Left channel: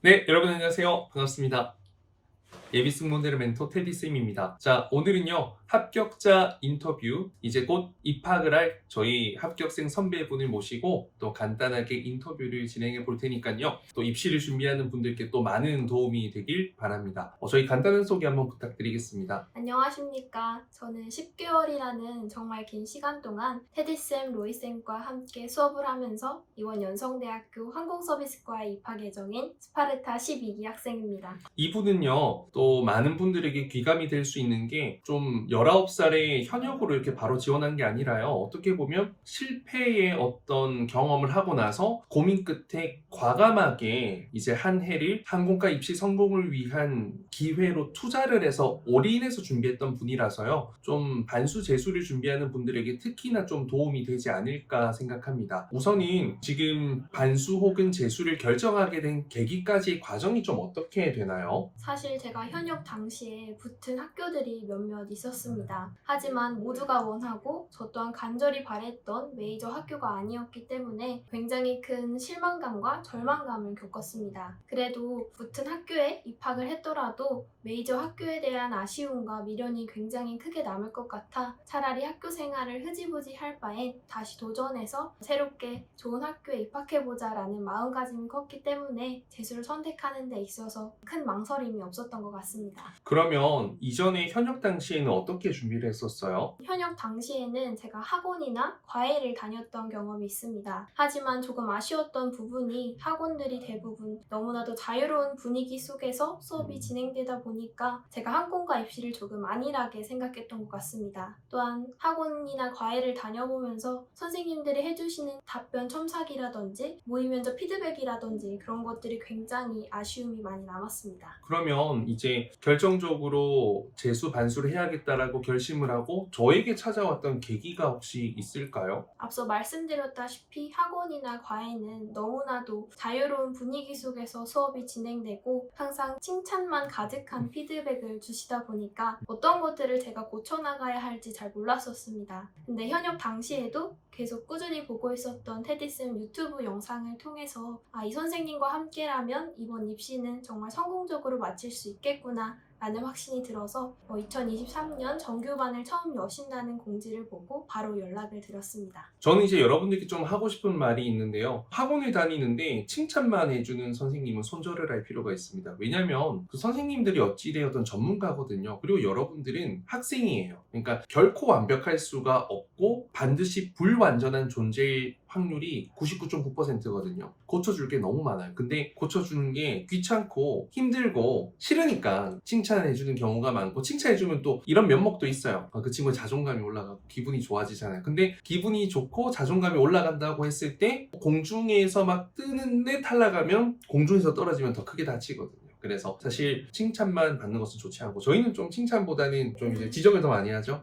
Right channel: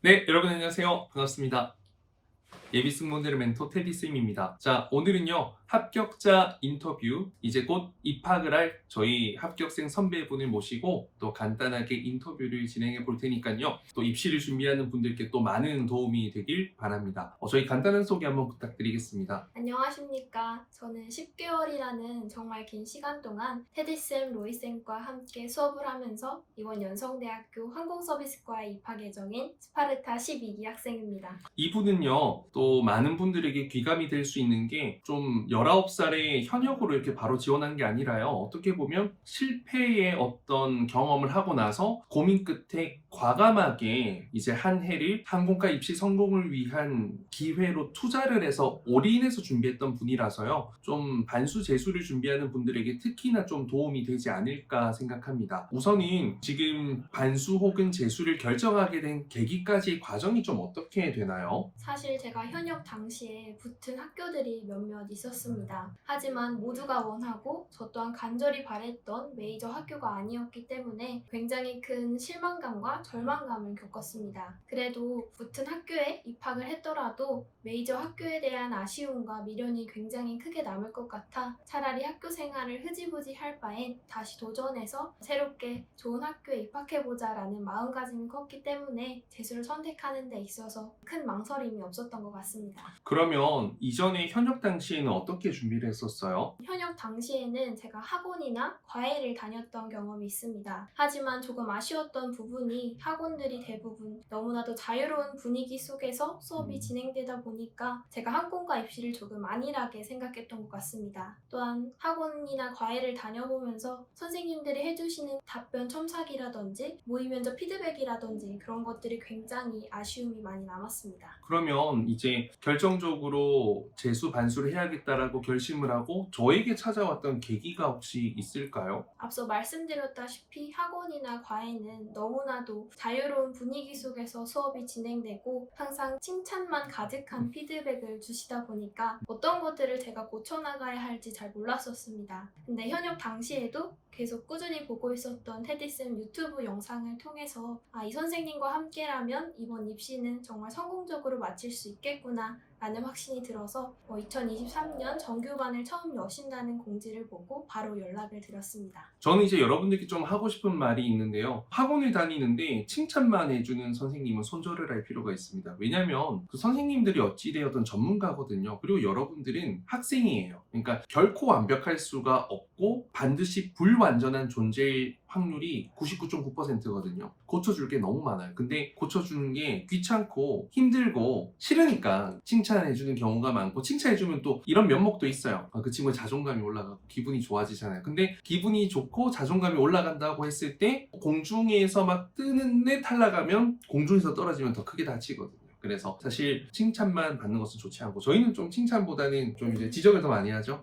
네, 여러분 안녕하세요. 반갑습니다. 예비승 모델의 멘토 테디쌤입니다. 자, 오늘은요, 합격자 인터뷰, 이제 곧 입학을 할 저희 합격생 선배분을 모시고 또 간단하게 인터뷰를 진행해 볼 테니까요. 또 입시를 준비하는 분들께 또 많은 도움이 되길 바랍니다. 저희 간단한 소개 한번 부탁드리겠습니다. 안녕하십니까. 저는 10개월이라는 정말 긴 시간 동안 테디쌤, 로이쌤과 함께 수업을 하면서 이번 연성대학교 항공서비스과에 입학 예정인 스파르타 12기 학생입니다. 이분은요, 또 많은 분들에게 귀감이 될 수 있는 게 좀 19살에 현역으로 이렇게 바로 지원한 게 아니라요. 어떻게 보면 실패의 어떤 경험을 하고 나서 고민 끝에 과감하게 이제 한 해를 항공과 입시 성공을 위한 기회로 투자를 해서 올인해서 준비했던 분이라서요. 좀 반수 재수를 준비하는 분들에게 특히나 좀 도움이 되지 않을까 생각합니다. 우선은 지금 반수 혹은 재수를 결정하게 된 계기까지의 과정이 좀 어떻게 되나요? 사실 제가 현역 당시에 붙은 학교들이 몇몇 있었습니다. 하지만 모두가 원하고 저 또한 간절히 바랬던 메이저 학교가 아니었기 때문에 굉장히 큰 실망감과 절망감을 겪었습니다. 그래도 붙은 학교에 입학을 했더라도 메이저 학교에 대한 아쉬움과 미련이 굉장히 크게 남을 것 같아 차라리 학교 생활을 흐지부지 할 바엔 다시 도전해서 새롭게 좋은 학교에 입학해보자라는 마음가짐이 컸기 때문에 재수를 선택하는 데 있어서 큰 망설임이 없었던 것 같습니다. 그러면 이전에 현역 당시에는 어떻게 준비를 했었어요? 현역 당시에는 제가 학원이나 과외를 다녔던 경험이 있습니다. 하지만 조금 아쉬웠던 부분이 학원들이 대부분 너무나도 자유로운 분위기 속에서 수업이 진행되다 보니까 제가 항공과 입시를 조금 안일하게 생각했던 것 같습니다. 또한 학원이나 과외를 다녀보면서 선생님들이 해주시는 답변 첨삭이라든지 모의 면접 피드백이라든지 그런 것들이 굉장히 아쉬움이 많이 남았습니다. 그러면 이제 결정적으로 재수 반수를 해야겠다라고 결심을 하고 저에게 찾아왔던 계기가 혹시 있을까요? 앞서 말씀드렸다시피 학원이나 과외는 너무나도 자유로운 분위기 속에서 수업이 진행되고 항상 칭찬만 가득한 피드백을 주시다 보니까 어떤 것들을 제가 고쳐나가야 할지 잘 몰랐었습니다. 근데 현역 당시에도 계속 꾸준히 보고 있었던 테디쌤 유튜브 영상을 통해서 이 선생님과 함께라면 이번 입시는 정말 성공적으로 마칠 수 있겠구나 라는 확신이 들어서 2023년 정규반을 처음 여신다는 공지를 보고 바로 연락을 드렸습니다. 저는 이제 여러분들께 좀 하고 싶은 말이 있는데요. 학원을 다니는데 칭찬만 해주는 선생님은 손절을 할 필요가 있습니다. 왜냐하면 그 선생님들이 어찌되었던 전문가거든요. 그리고 여러분들은 학생이에요. 그러니까 결코 완벽할 수가 없고 반드시 불완전한 존재일 확률이 99.9%거든요. 고쳐줄 게 너무 많아요. 근데 고쳐주는 게 귀찮고 힘들고 싫으니까 칭찬해주는 경우가 많고, 칭찬해주면 또 이런 면목도 있어요. 그 친구의 자존감이 올라가고 기분이 좋아지잖아요. 근데 기분이 좋고 자존감이 올라간다고 했을 때 공중에서 막 뜨는데 탈락하면, 공중에서 떨어지면 더 크게 다치거든요. 그래서 사실 칭찬만 받는 것은 좋지 않고, 저희는 좀 칭찬보다는 좀 이제 지적을 더 많이 하죠.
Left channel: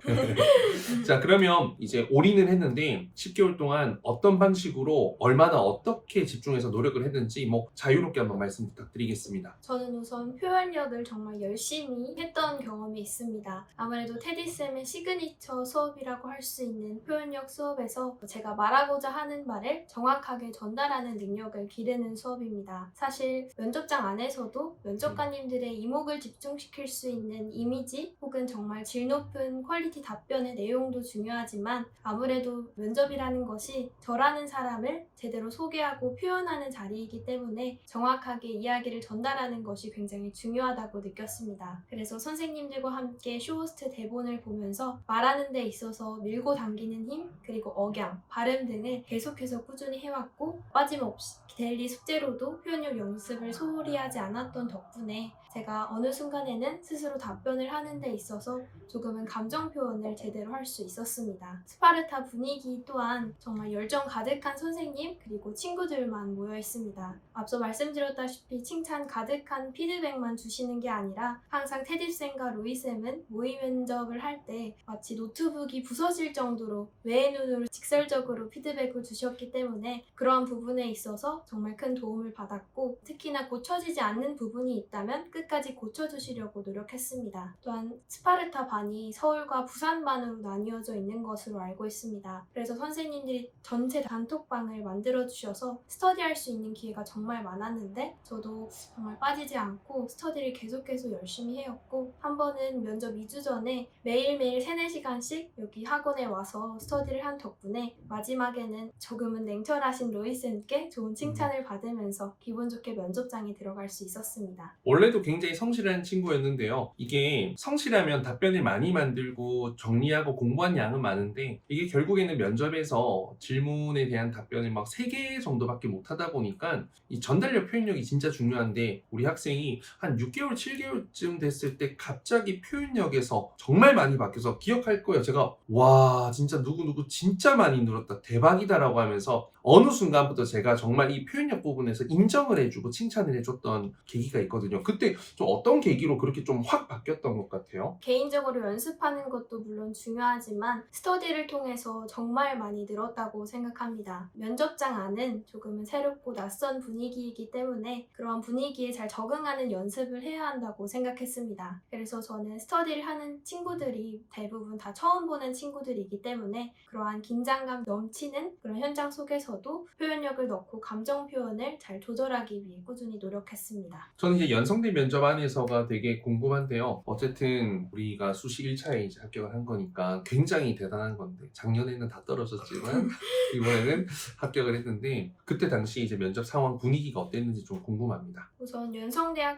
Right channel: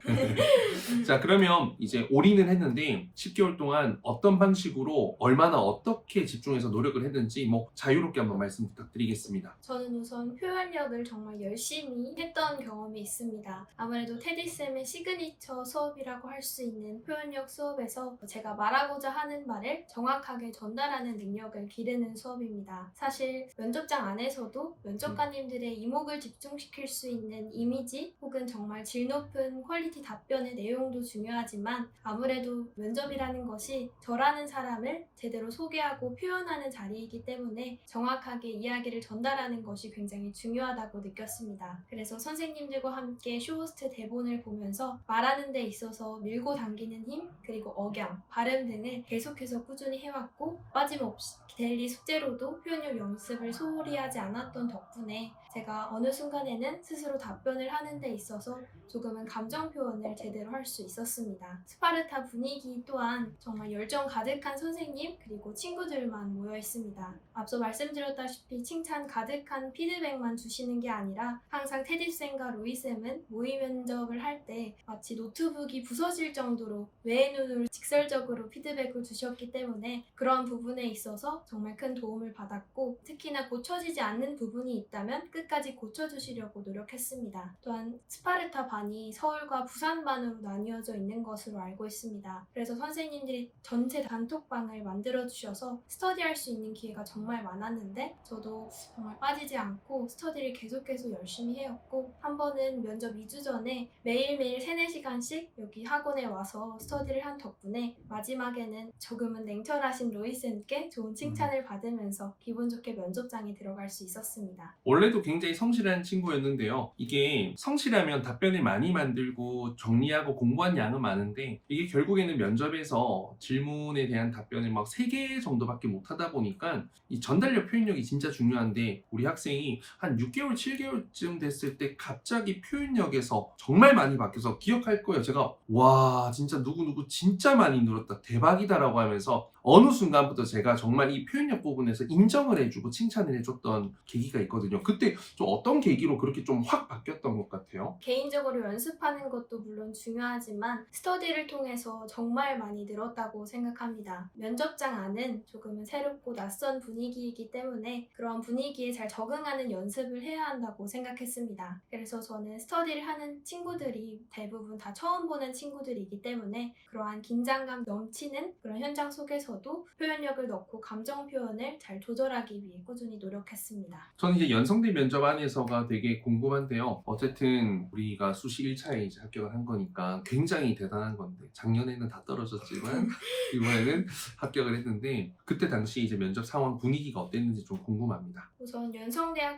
자, 그러면 이제 올인을 했는데 10개월 동안 어떤 방식으로 얼마나 어떻게 집중해서 노력을 했는지 자유롭게 한번 말씀 부탁드리겠습니다. 저는 우선 표현력을 정말 열심히 했던 경험이 있습니다. 아무래도 테디쌤의 시그니처 수업이라고 할 수 있는 표현력 수업에서 제가 말하고자 하는 말을 정확하게 전달하는 능력을 기르는 수업입니다. 사실 면접장 안에서도 면접관님들의 이목을 집중시킬 수 있는 이미지 혹은 정말 질 높은 퀄리티 답변의 내용도 중요하지만 아무래도 면접이라는 것이 저라는 사람을 제대로 소개하고 표현하는 자리이기 때문에 정확하게 이야기를 전달하는 것이 굉장히 중요하다고 느꼈습니다. 그래서 선생님들과 함께 쇼호스트 대본을 보면서 말하는 데 있어서 밀고 당기는 힘, 그리고 억양, 발음 등을 계속해서 꾸준히 해왔고 빠짐없이 데일리 숙제로도 표현력 연습을 소홀히 하지 않았던 덕분에 제가 어느 순간에는 스스로 답변을 하는 데 있어서 조금은 감정 표현을 제대로 할 수 있었습니다. 스파르타 분위기 또한 정말 열정 가득한 선생님 그리고 친구들만 모여 있습니다. 앞서 말씀드렸다시피 칭찬 가득한 피드백만 주시는 게 아니라 항상 테디쌤과 로이쌤은 모의 면접을 할 때 마치 노트북이 부서질 정도로 외의 눈으로 직설적으로 피드백을 주셨기 때문에 그러한 부분에 있어서 정말 큰 도움을 받았고, 특히나 고쳐지지 않는 부분에 부분이 있다면 끝까지 고쳐주시려고 노력했습니다. 또한 스파르타 반이 서울과 부산 반으로 나뉘어져 있는 것으로 알고 있습니다. 그래서 선생님들이 전체 단톡방을 만들어주셔서 스터디할 수 있는 기회가 정말 많았는데 저도 정말 빠지지 않고 스터디를 계속해서 열심히 해왔고 한 번은 면접 2주 전에 매일매일 3-4시간씩 여기 학원에 와서 스터디를 한 덕분에 마지막에는 조금은 냉철하신 로이쌤께 좋은 칭찬을 받으면서 기분 좋게 면접장에 들어갈 수 있었습니다. 원래도 굉장히 성실한 친구였는데요. 이게 성실하면 답변을 많이 만들고 정리하고 공부한 양은 많은데 이게 결국에는 면접에서 질문에 대한 답변을 막 3개 정도밖에 못 하다 보니까 이 전달력 표현력이 진짜 중요한데 우리 학생이 한 6개월, 7개월쯤 됐을 때 갑자기 표현력에서 정말 많이 바뀌어서 기억할 거예요. 제가 와 진짜 누구누구 진짜 많이 늘었다 대박이다라고 하면서 어느 순간부터 제가 정말 이 표현력 부분에서 인정을 해주고 칭찬을 해줬던 계기가 있거든요. 그때 좀 어떤 계기로 그렇게 좀 확 바뀌었던 것 같아요? 개인적으로 연습하는 것도 물론 중요하지만 스터디를 통해서 정말 많이 늘었다고 생각합니다. 면접장 안은 조금은 새롭고 낯선 분위기이기 때문에 그런 분위기에 잘 적응하는 연습을 해야 한다고 생각했습니다. 그래서 저는 스터디를 하는 친구들이 대부분 다 처음 보는 친구들이기 때문에 그러한 긴장감 넘치는 그런 현장 속에서도 표현력을 넣고 감정 표현을 잘 조절하기 위해 꾸준히 노력했습니다. 저는 이제 연성대 면접 안에서가 되게 궁금한데요. 어쨌든 우리가 수시 1차에 이제 합격을 한 거니까 굉장히 대단한 건데 작년에는 다 떨어졌지만 이번에는 합격을 했는데 그때 당시 이제 면접 상황 분위기가 어땠는지 좀 궁금합니다. 우선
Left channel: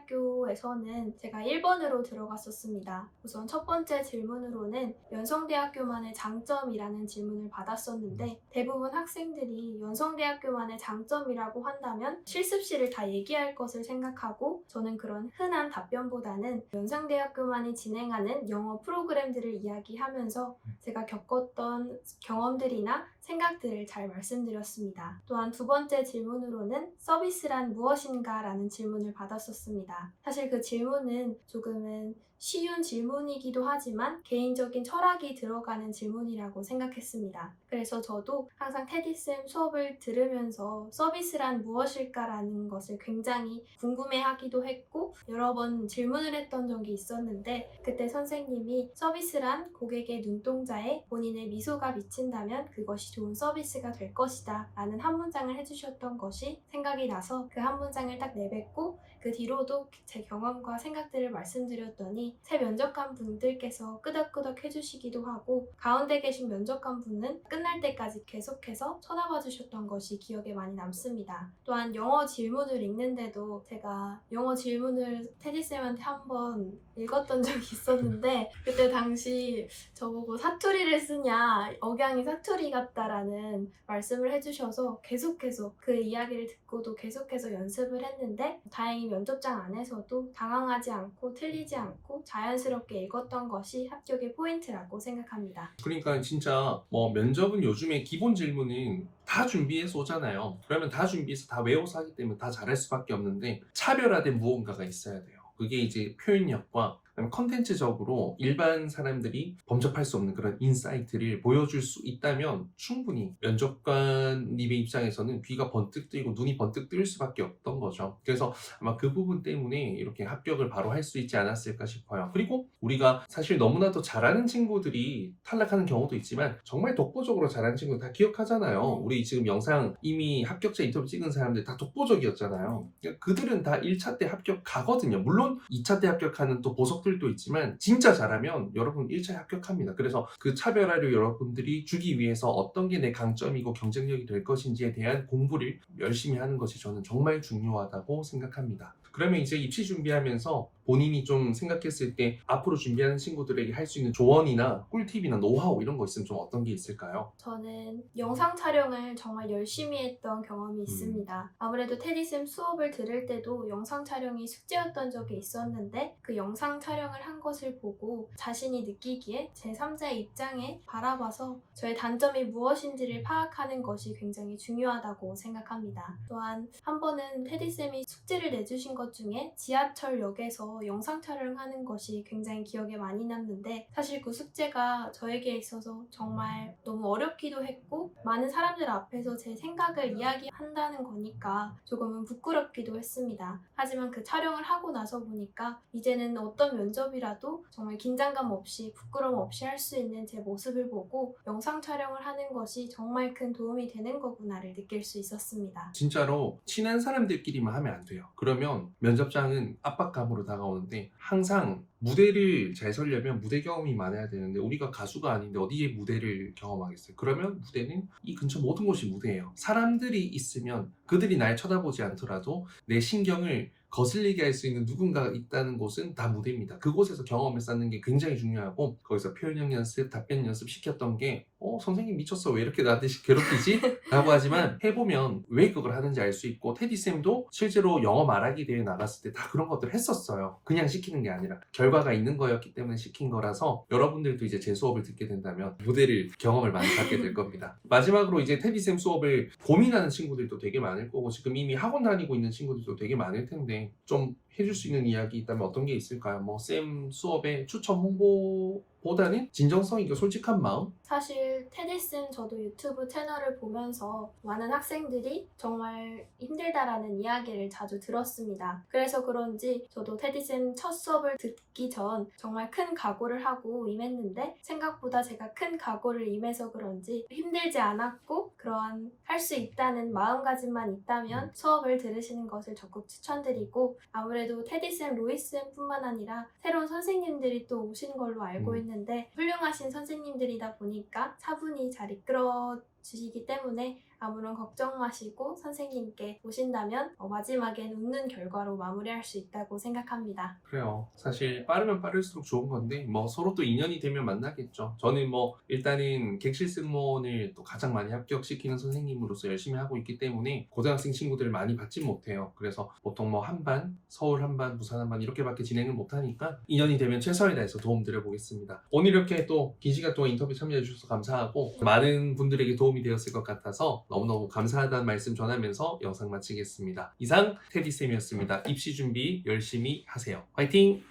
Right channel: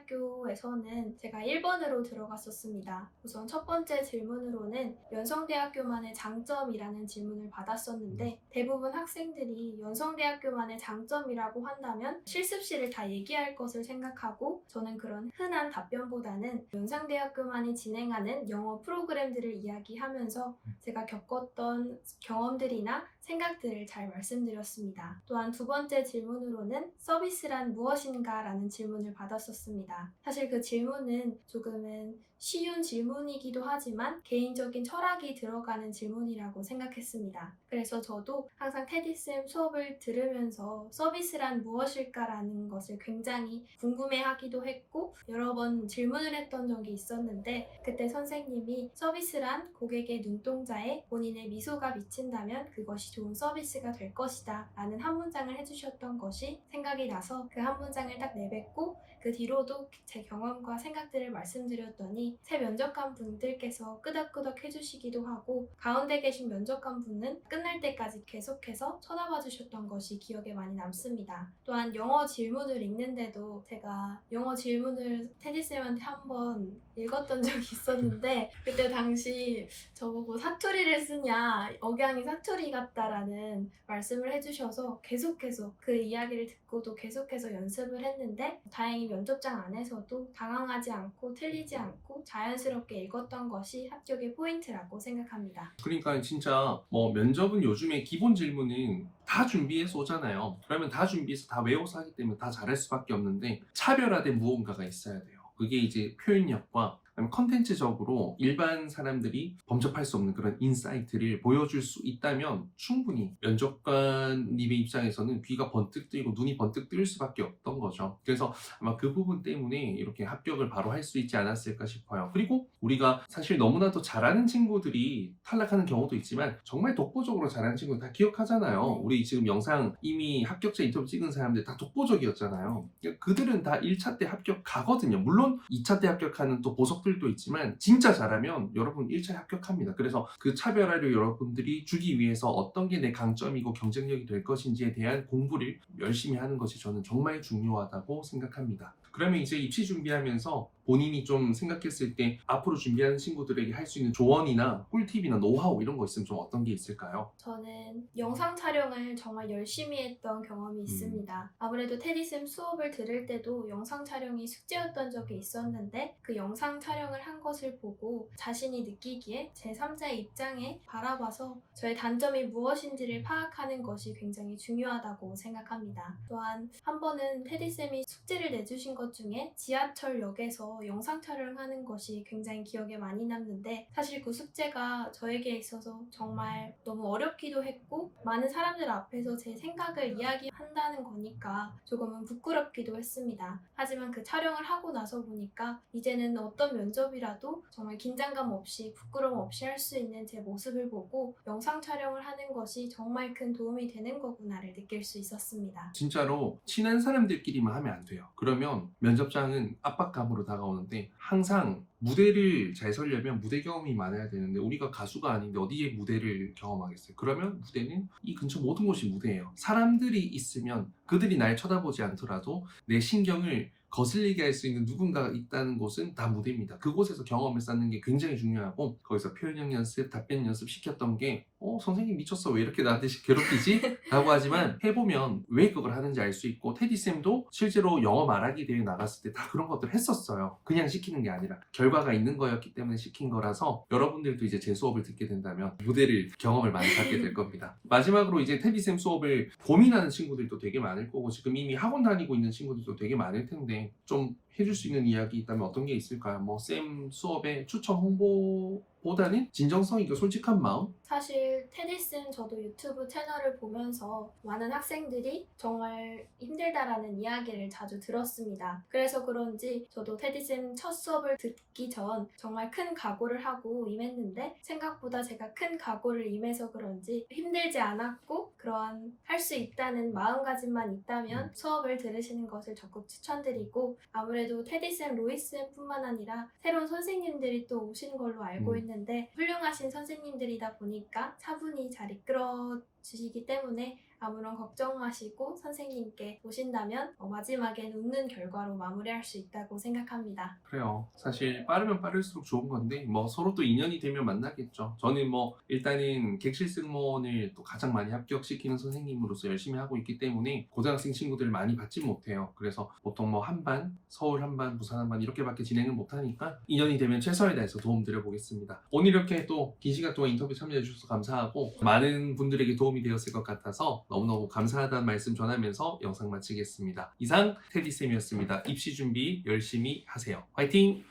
연성대학교에서는 제가 1번으로 들어갔었습니다. 우선 첫 번째 질문으로는 연성대학교만의 장점이라는 질문을 받았었는데 대부분 학생들이 연성대학교만의 장점이라고 한다면 실습실을 다 얘기할 것을 생각하고 저는 그런 흔한 답변보다는 연성대학교만이 진행하는 영어 프로그램들을 이야기하면서 제가 겪었던 경험들이나 생각들을 잘 말씀드렸습니다. 또한 두 번째 질문으로는 서비스란 무엇인가 라는 질문을 받았었습니다. 사실 그 질문은 조금은 쉬운 질문이기도 하지만 개인적인 철학이 들어가는 질문이라고 생각했습니다. 그래서 저도 항상 테디쌤 수업을 들으면서 서비스란 무엇일까라는 것을 굉장히 궁금해하기도 했고 여러 번 질문을 했던 적이 있었는데 그때 선생님이 서비스란 고객의 눈동자에 본인의 미소가 비친다면 그것이 좋은 서비스가 될 것이다 라는 한 문장을 해주셨던 것이 생각이 나서 그 한 문장을 딱 내뱉고 그 뒤로도 제 경험과 생각들을 말씀드렸더니 새 면접관 분들께서 끄덕끄덕 해주시기도 하고 가운데 계신 면접관 분은 끝날 때까지 계속해서 쳐다봐 주셨던 것이 기억에 많이 남습니다. 또한 영어 질문을 읽는데도 제가 영어 질문을 테디쌤한테 한번 읽었던 적이 있었는데 그때 당시 저보고 사투리를 쓰냐 억양이 사투리 같다라는 말씀을 해주셔서 계속해서 그 이야기를 듣고도 계속해서 연습을 했는데 다행히 면접장 안에서도 당황하지 않고 틀리지 않고 자연스럽게 읽었던 것이 합격의 포인트라고 생각합니다. 그러니까 진짜 뭐 면접은 요즘에 기본 질문은 다 준비해서 오잖아요. 그러면 다 준비해서 다 외워서 하기 때문에 다 잘할 수밖에 없는데 차별화된 무언가가 있어야 돼요. 그게 이제 표현력과 그다음에 컨텐츠적으로 일반 사람들이 범접할 수 없는 그런 인사이트를 보여줄 수 있다면 충분히 면접관님의 입장에서는 귀가 번뜩 뜨이고 눈이 번뜩 뜨일 수밖에 없던 거죠. 그래서 아마 그 부분 때문에 이렇게 합격을 바로 할 수 있지 않았을까 싶어요. 그리고 우리가 사실 너무나도 잘하는 친구들이 탈락하는 경우도 있지만 정말 독보적으로 잘하는 친구는 다 기억하잖아요. 우리 지금 영상 이미 합격자 인터뷰 찍은 사람들 다 독보적이었잖아요. 그들은 다 1차 때 합격하거든요. 물론 2차 때 합격하는 또 보석들도 있지만 진짜 잘하면 여러분 1차에 합격합니다. 그래서 그 차별화를 여러분들이 주기 위해서 어떤 게 내 강점이고 경쟁력이 될 것인지에 대한 공부를 열심히 하는 것이 저는 정말 중요하다고 생각합니다. 그러면 이제 입시 준비하면서 본인이 좀 생각했을 때 앞으로 준비하는 친구들에게 할 수 있는 조언이나 꿀팁이나 노하우 이런 거 있으면 좀 어떤 게 있을까요? 저는 영상 촬영을 정말 열심히 했던 경험이 있습니다. 아무래도 테디쌤 수업을 들을 때도 영상 촬영이 숙제였던 적이 있었는데 그 영상 촬영을 한 것을 보고 자신이 느끼기에 제3자의 입장에 바라봐서 저의 단점이 무엇인지를 파악하는 것이 굉장히 중요하다고 생각합니다. 또한 한 번은 테디쌤이 숙제를 내주신 것 중에 지하철역에서 학교에서 영상 촬영하는 것이 굉장히 기억에 많이 남는데 사실 그 숙제가 저에게 있어서 정말 너무 어렵기도 했고 많은 사람들 앞에서 제 생각을 이야기한다는 거니까 조금은 부끄럽기도 했습니다. 하지만 그 촬영을 하고 나서 보니까 이제는 어떤 면접이라도 정말 긴장감 없이 부끄러움 없이 할 수 있는 제 모습을 보고 영상 촬영을 하는 것이 정말 큰 도움이 되는 거구나를 느낄 수 있었습니다. 진짜로 친한 사람들끼리만 하면 안 돼요. 그러면 면접장은 압박감으로 다가오는데 항상 무대를 잘 서려면 무대 경험이 많아야 되는데 우리가 가수가 아닌데 어디에 무대를 경험하겠어요? 그러면 무대는 이 근처 모든 곳이 무대예요. 사람들이 있으면 그들이 날 쳐다보지 않더라도 내 신경을 거슬리게 할 수 있는 누군가가 있다는 곳은 다 무대입니다. 그곳에서 경험을 쌓는 게 굉장히 중요하고 거기서 표현력 연습, 답변 연습 시켰던 게 선생님 미쳤어 왜 이렇게 나한테 괴롭히지? 라고 하지만 해보면 왜 그걸 하는지 알 수 있고 테디쌤도 실제로 영어 말하기 대회 나갔을 때 다 그런 것들을 했었어요. 그냥 시키는 게 아니라 결과가 있는 거였기 때문에 시킨 거라서 여러분들도 이제 제 수업을 듣게 된다면 무대를 경험을 많이 갖게 될 겁니다. 마지막으로 이제 테디쌤 수업을 고민하는 친구들도 되게 많을 거고 지금 이미 학원 다니고 있는 친구들도 되게 많을 텐데 좀 해줄 수 있는 이야기 있다면 어떤 게 있을까요? 쌤 수업의 추천 홍보보다는 진정성이고 솔직한 마음? 사실 테디쌤 저도 유튜브 채널을 보면서 많은 학생들이 정말 힘들다라는 이야기를 자주 들었습니다. 그래서 그런지 저도 테디쌤 첫 수업을 듣기 전 정말 큰 각오를 하고 임했는데 생각보다 제가 큰 각오를 임해서 그런지 힘들지 않았고 그런 할 수 있다는 마음가짐만 있다면 수업을 들으시는 것을 적극 추천드리고 아무래도 테디쌤, 로이쌤뿐만 아니라 새로운 선생님들이 또 오신 걸로 알고 있는데 훌륭하신 선생님들이다 보니까 차분히 잘 이끌어 주시기 때문에 아무런 걱정 마시고 선생님께 오신다면 마지막엔 웃는 결과로 마무리할 수 있다고 생각합니다. 그래요. 사실 빠르면 빠를수록 좋은 건데 서로 또 인연이 되면 만나겠죠. 저는 일단은 객실 승무원을 또 가장 많이 합격시키는 선생님으로서 열심히 하고 있기 때문에 고등학생 친구들을 많이 받지 못해요. 그래서 보통 한반, 서울 한반, 부산 한반 이렇게밖에 진행을 못하니까 인연이 되면 최선을 다해서 도움 드려보겠습니다. 오늘 이렇게 또 긴 시간 동안 인터뷰 참여해 주셔서 감사하고 많은 분들에게 도움이 되었을 것 같아서 너무너무 감사하다는 말씀 전하면서 영상 마치겠습니다. 이상 테디쌤이었습니다. 입시 준비 열심히 하세요. 화이팅!